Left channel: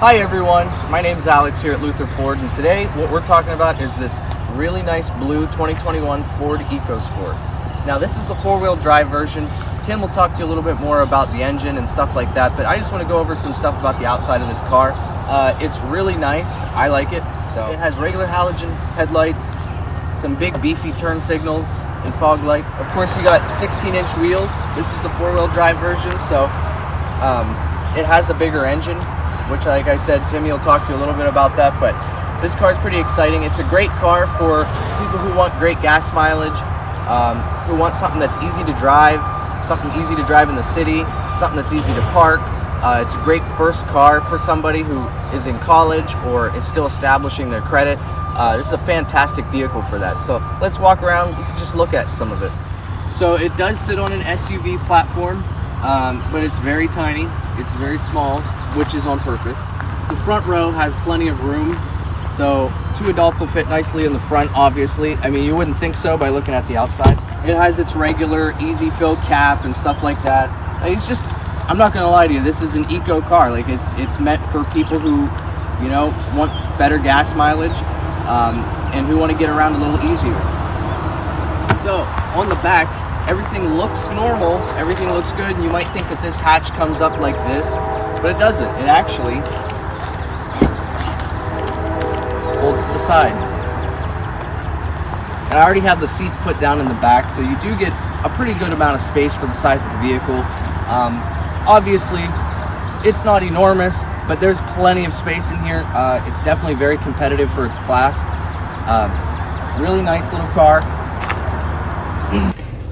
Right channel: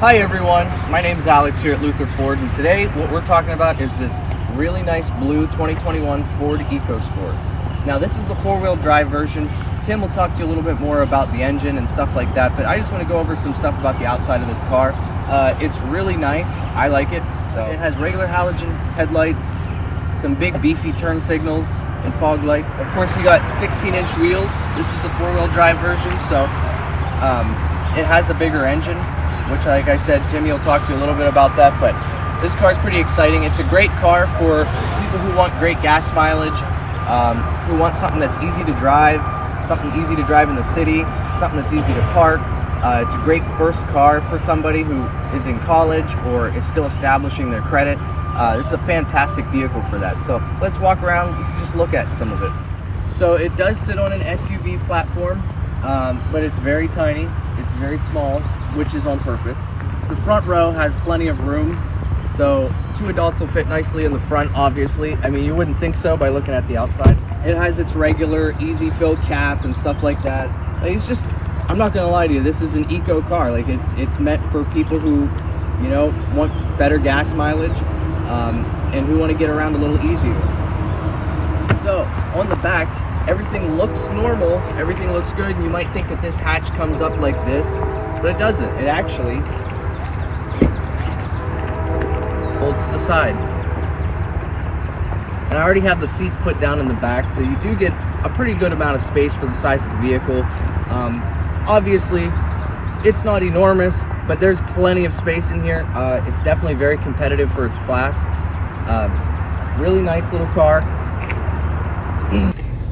Hi everyone, my name's Alex here at Luther Ford, and today what we're talking about is this really nice blue 2021 Ford EcoSport. Now this is the four-wheel drive version. Tim will talk to you a little bit more about the engine and stuff like that, but I just want to go over some stuff about the outside of this car. It's really nice, I like it. So it has regular halogen headlights, some big beefy turn signals and fog lights. Of course you got 16-inch wheels. This is the four-wheel drive version, so it has a bigger engine, which, like I said, Timmy will talk to you a little bit about that, but this car is pretty exciting. It's a great car for people who want great gas mileage, who want something that's easy to drive, something easy to drive in the city, something that's easy to park. It's a great first car for somebody who is in college or is still establishing their credit. This is a fantastic vehicle for that. So let's walk around. You can just look at some of it. So it does sit on an SUV platform, but it's very tiny. It's very small, which is on purpose. The front row has plenty of room, so two adults will fit nicely in the front, obviously. I mean, you wouldn't think so by looking at the outside. It has its regular easy fill cap and stuff like that. It's just, I'm not gonna lie to you, this is an eco car. Like it's meant for people who, you know, want better gas mileage and who want to get around a little easier. So on the back, everything looks normal, everything looks good, and you might think that this hatch comes up like this, but it doesn't. It actually folds to the side. And I already have the seats put down in the back, so you do get a pretty good amount of space for the size of the vehicle. Obviously, it's not enormous, but there's plenty of space in here. It's definitely very competitive for its class. Really nice little car.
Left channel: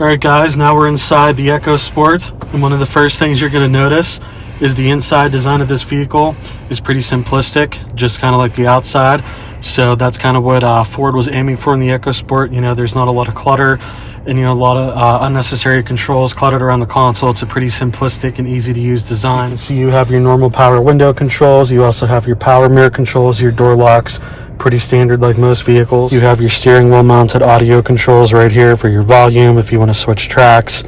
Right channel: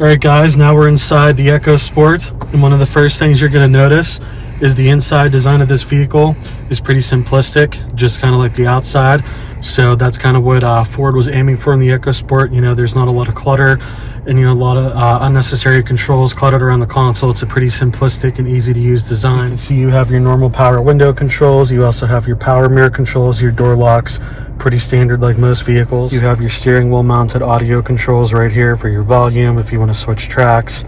Alright guys, now we're inside the EcoSport, and one of the first things you're going to notice is the inside design of this vehicle is pretty simplistic, just kind of like the outside. So that's kind of what Ford was aiming for in the EcoSport. You know, there's not a lot of clutter and, you know, a lot of unnecessary controls cluttered around the console. It's a pretty simplistic and easy to use design. You can see you have your normal power window controls. You also have your power mirror controls, your door locks, pretty standard like most vehicles. You have your steering wheel mounted audio controls right here for your volume if you want to switch tracks.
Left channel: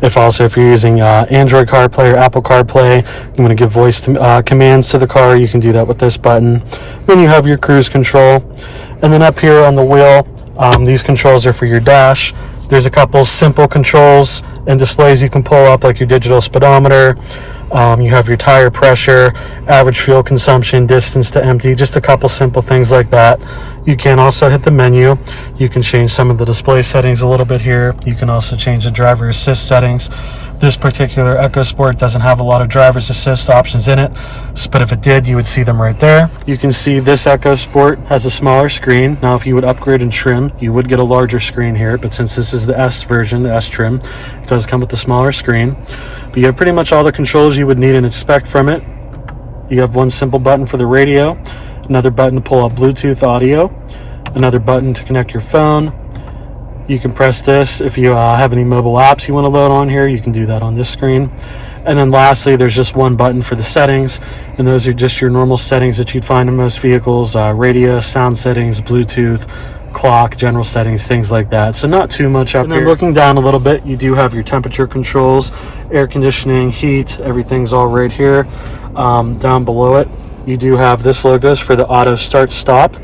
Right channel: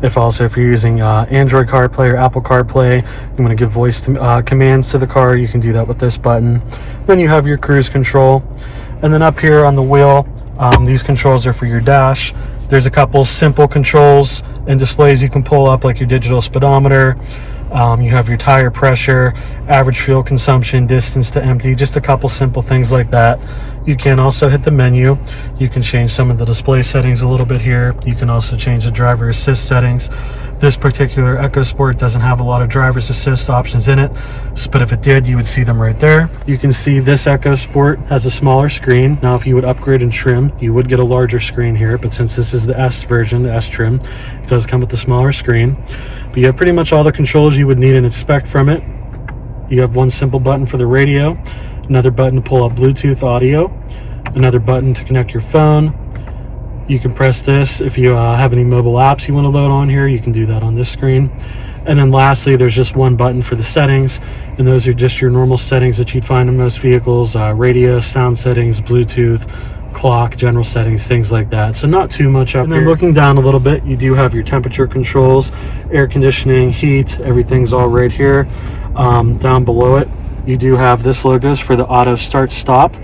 If you're using Android CarPlay or Apple CarPlay, you want to give voice commands to the car, you can do that with this button. Then you have your cruise control, and then up here on the wheel, these controls are for your dash. There's a couple simple controls and displays you can pull up, like your digital speedometer. You have your tire pressure, average fuel consumption, distance to empty, just a couple simple things like that. You can also hit the menu. You can change some of the display settings a little bit here. You can also change the driver assist settings. This particular EcoSport doesn't have a lot of driver's assist options in it, but if it did, you would see them right there. You can see this EcoSport has a smaller screen. Now, if you would upgrade and trim, you would get a larger screen here, but since this is the S version, the S trim, it does come with the smaller screen. But you have pretty much all the controls you would need and expect from it. You have one simple button for the radio, another button to pull up Bluetooth audio, another button to connect your phone. You can press this if you have any mobile apps you want to load on here. You can do that on this screen. And then lastly, there's just one button for the settings, and those are just your normal settings that you'd find in most vehicles: radio, sound settings, Bluetooth, clock, general settings, things like that. So not too much up here. And then looking down a little bit, you do have your temperature controls, air conditioning, heat, everything's all right here. Down below it, you do have this logos for the auto start stop.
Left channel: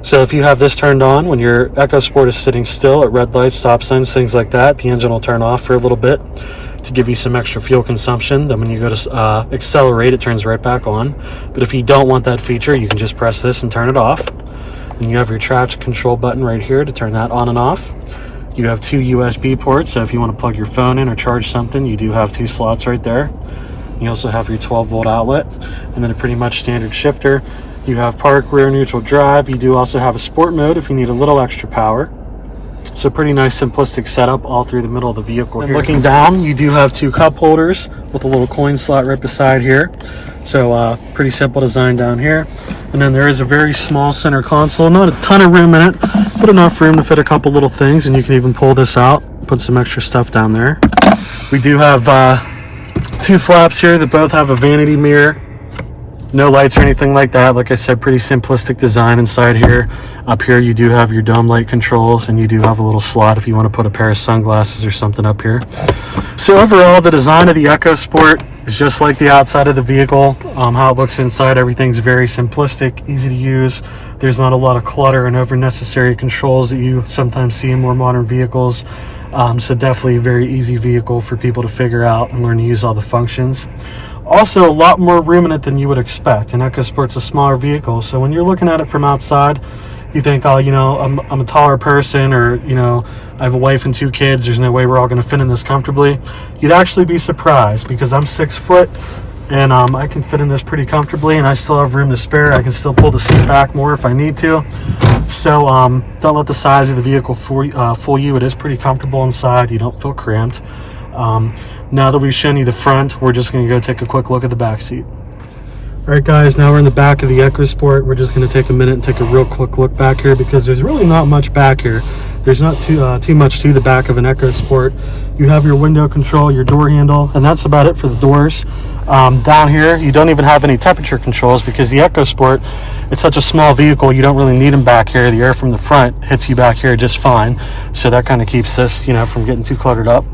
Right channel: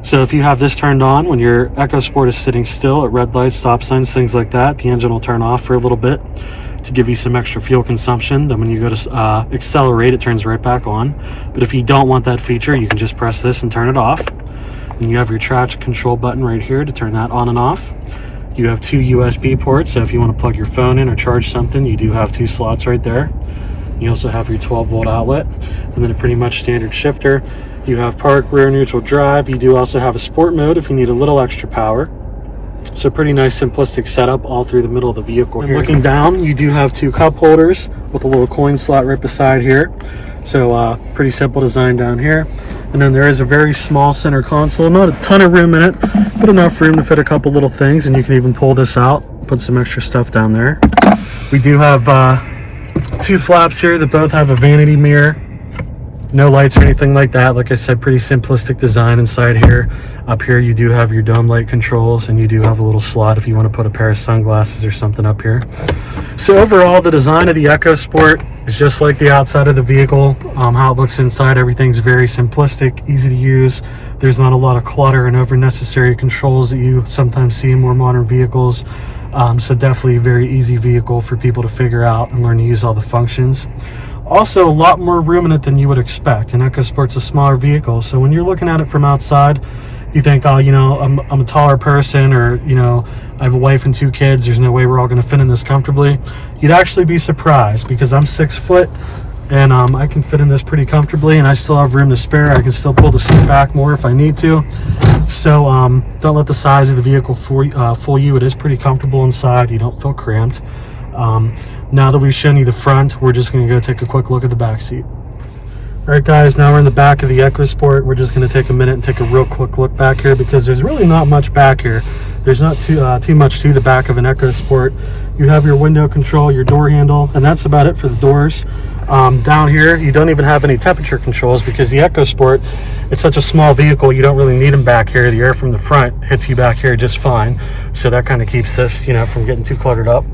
So if you have this turned on when your EcoSport is sitting still at red lights, stop signs, things like that, the engine will turn off for a little bit to give you some extra fuel consumption. Then when you go to accelerate, it turns right back on. But if you don't want that feature, you can just press this and turn it off. And you have your traction control button right here to turn that on and off. You have two USB ports, so if you want to plug your phone in or charge something, you do have two slots right there. You also have your 12-volt outlet, and then a pretty much standard shifter. You have park, rear, neutral drive. You do also have a sport mode if you need a little extra power. So pretty nice simplistic setup all through the middle of the vehicle. And looking down, you do have two cup holders with a little coin slot right beside here. So pretty simple design down here. And then there is a very small center console, not a ton of room in it, but enough room to fit a couple little things. And you can even pull this out, put some extra stuff down there. We do have two flaps here that both have a vanity mirror. No lights or anything like that. Like I said, pretty simplistic design inside here. Up here you do have your dome light controls, and you do have a little slot if you want to put a pair of sunglasses or something up here. So overall, the design of the EcoSport is just like the outside of the vehicle. How it looks inside, everything's very simplistic, easy to use. There's not a lot of clutter and unnecessary controls that you sometimes see in more modern vehicles. So definitely a very easy vehicle for people to figure out and learn to use all the functions. Also, a lot more room in it than you would expect. An EcoSport's a smaller vehicle, so when you're looking at it from outside, you think, oh, you know, I'm a taller person, or, you know, I have a wife and 2 kids, there's no way we're all going to fit in this comfortably. You'd actually be surprised, because I'm 6 foot, and I can fit in this pretty comfortably, and I still have room to spare. I can still pull the seat back more if I need to. So don't let the size of the vehicle fool you. It is pretty comfortable inside. You don't feel cramped. Now that we've shown you the front, we're just going to go take a quick look at the back seat. All right, guys, now we're in the back of the EcoSport. We're just going to take a minute and take a real quick look back here, because there's really not much back here. There's not too much to the back of an EcoSport. You have your window control, your door handle, and that's about it for the doors. Down here, you don't even have any temperature controls, because the EcoSport, it's such a small vehicle, you don't really need them back here. The air from the front hits you back here just fine. So that kind of keeps this, you know, from getting too cluttered up.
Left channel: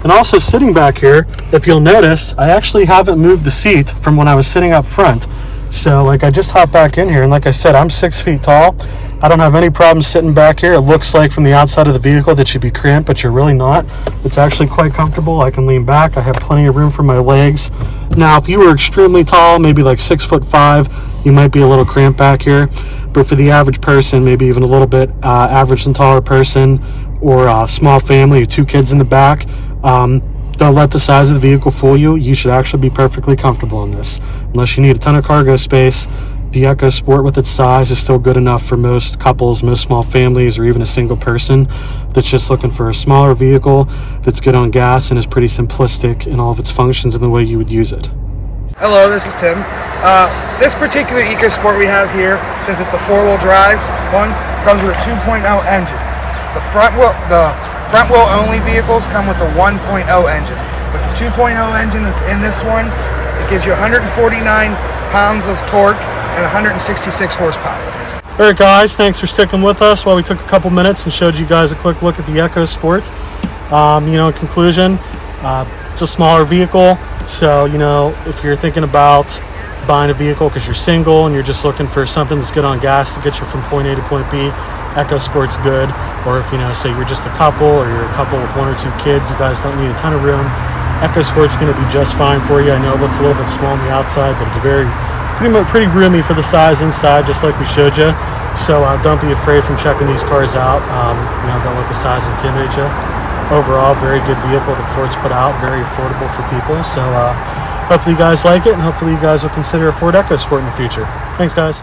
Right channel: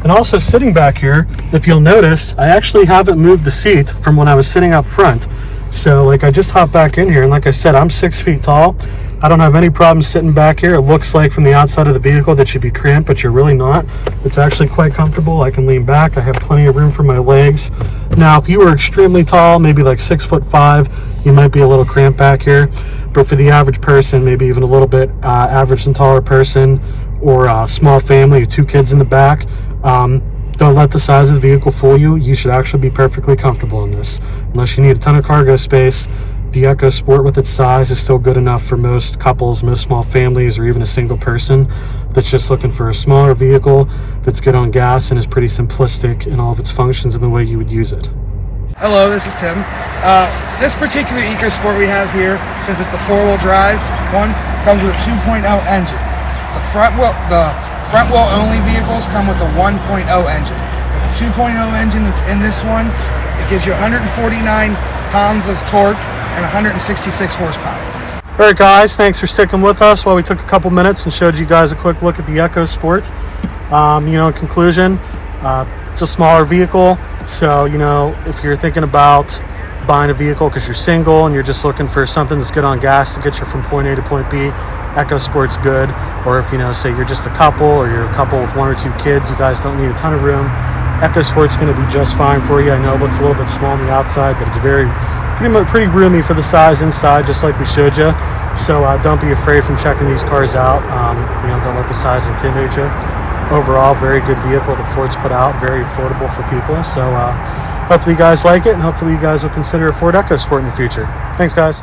And also sitting back here, if you'll notice, I actually haven't moved the seat from when I was sitting up front. So like, I just hopped back in here, and like I said, I'm 6 feet tall. I don't have any problem sitting back here. It looks like from the outside of the vehicle that you'd be cramped, but you're really not. It's actually quite comfortable. I can lean back. I have plenty of room for my legs. Now, if you were extremely tall, maybe like 6'5", you might be a little cramped back here. But for the average person, maybe even a little bit average and taller person, or a small family with 2 kids in the back, don't let the size of the vehicle fool you. You should actually be perfectly comfortable in this. Unless you need a ton of cargo space, the EcoSport with its size is still good enough for most couples, most small families, or even a single person that's just looking for a smaller vehicle that's good on gas and is pretty simplistic in all of its functions and the way you would use it. Hello, this is Tim. This particular EcoSport we have here, since it's the 4-wheel drive one, comes with a 2.0 engine. The front wheel only vehicles come with a 1.0 engine, but the 2.0 engine that's in this one, it gives you 149 pounds of torque and 166 horsepower. All right, guys, thanks for sticking with us while we took a couple minutes and showed you guys a quick look at the EcoSport. You know, in conclusion, it's a smaller vehicle, so, you know, if you're thinking about buying a vehicle because you're single and you're just looking for something that's good on gas to get you from point A to point B, EcoSport's good. Or if, you know, say you're just a couple, or you're a couple with 1 or 2 kids, you guys don't need a ton of room, EcoSport's going to be just fine for you. I know it looks a little bit small on the outside, but it's pretty roomy for the size inside, just like we showed you. So don't be afraid from checking these cars out. You know, don't let the size intimidate you. Overall, very good vehicle that Ford's put out, very affordable for people. So hopefully you guys like it, and hopefully you guys will consider a Ford EcoSport in the future. Thanks, guys.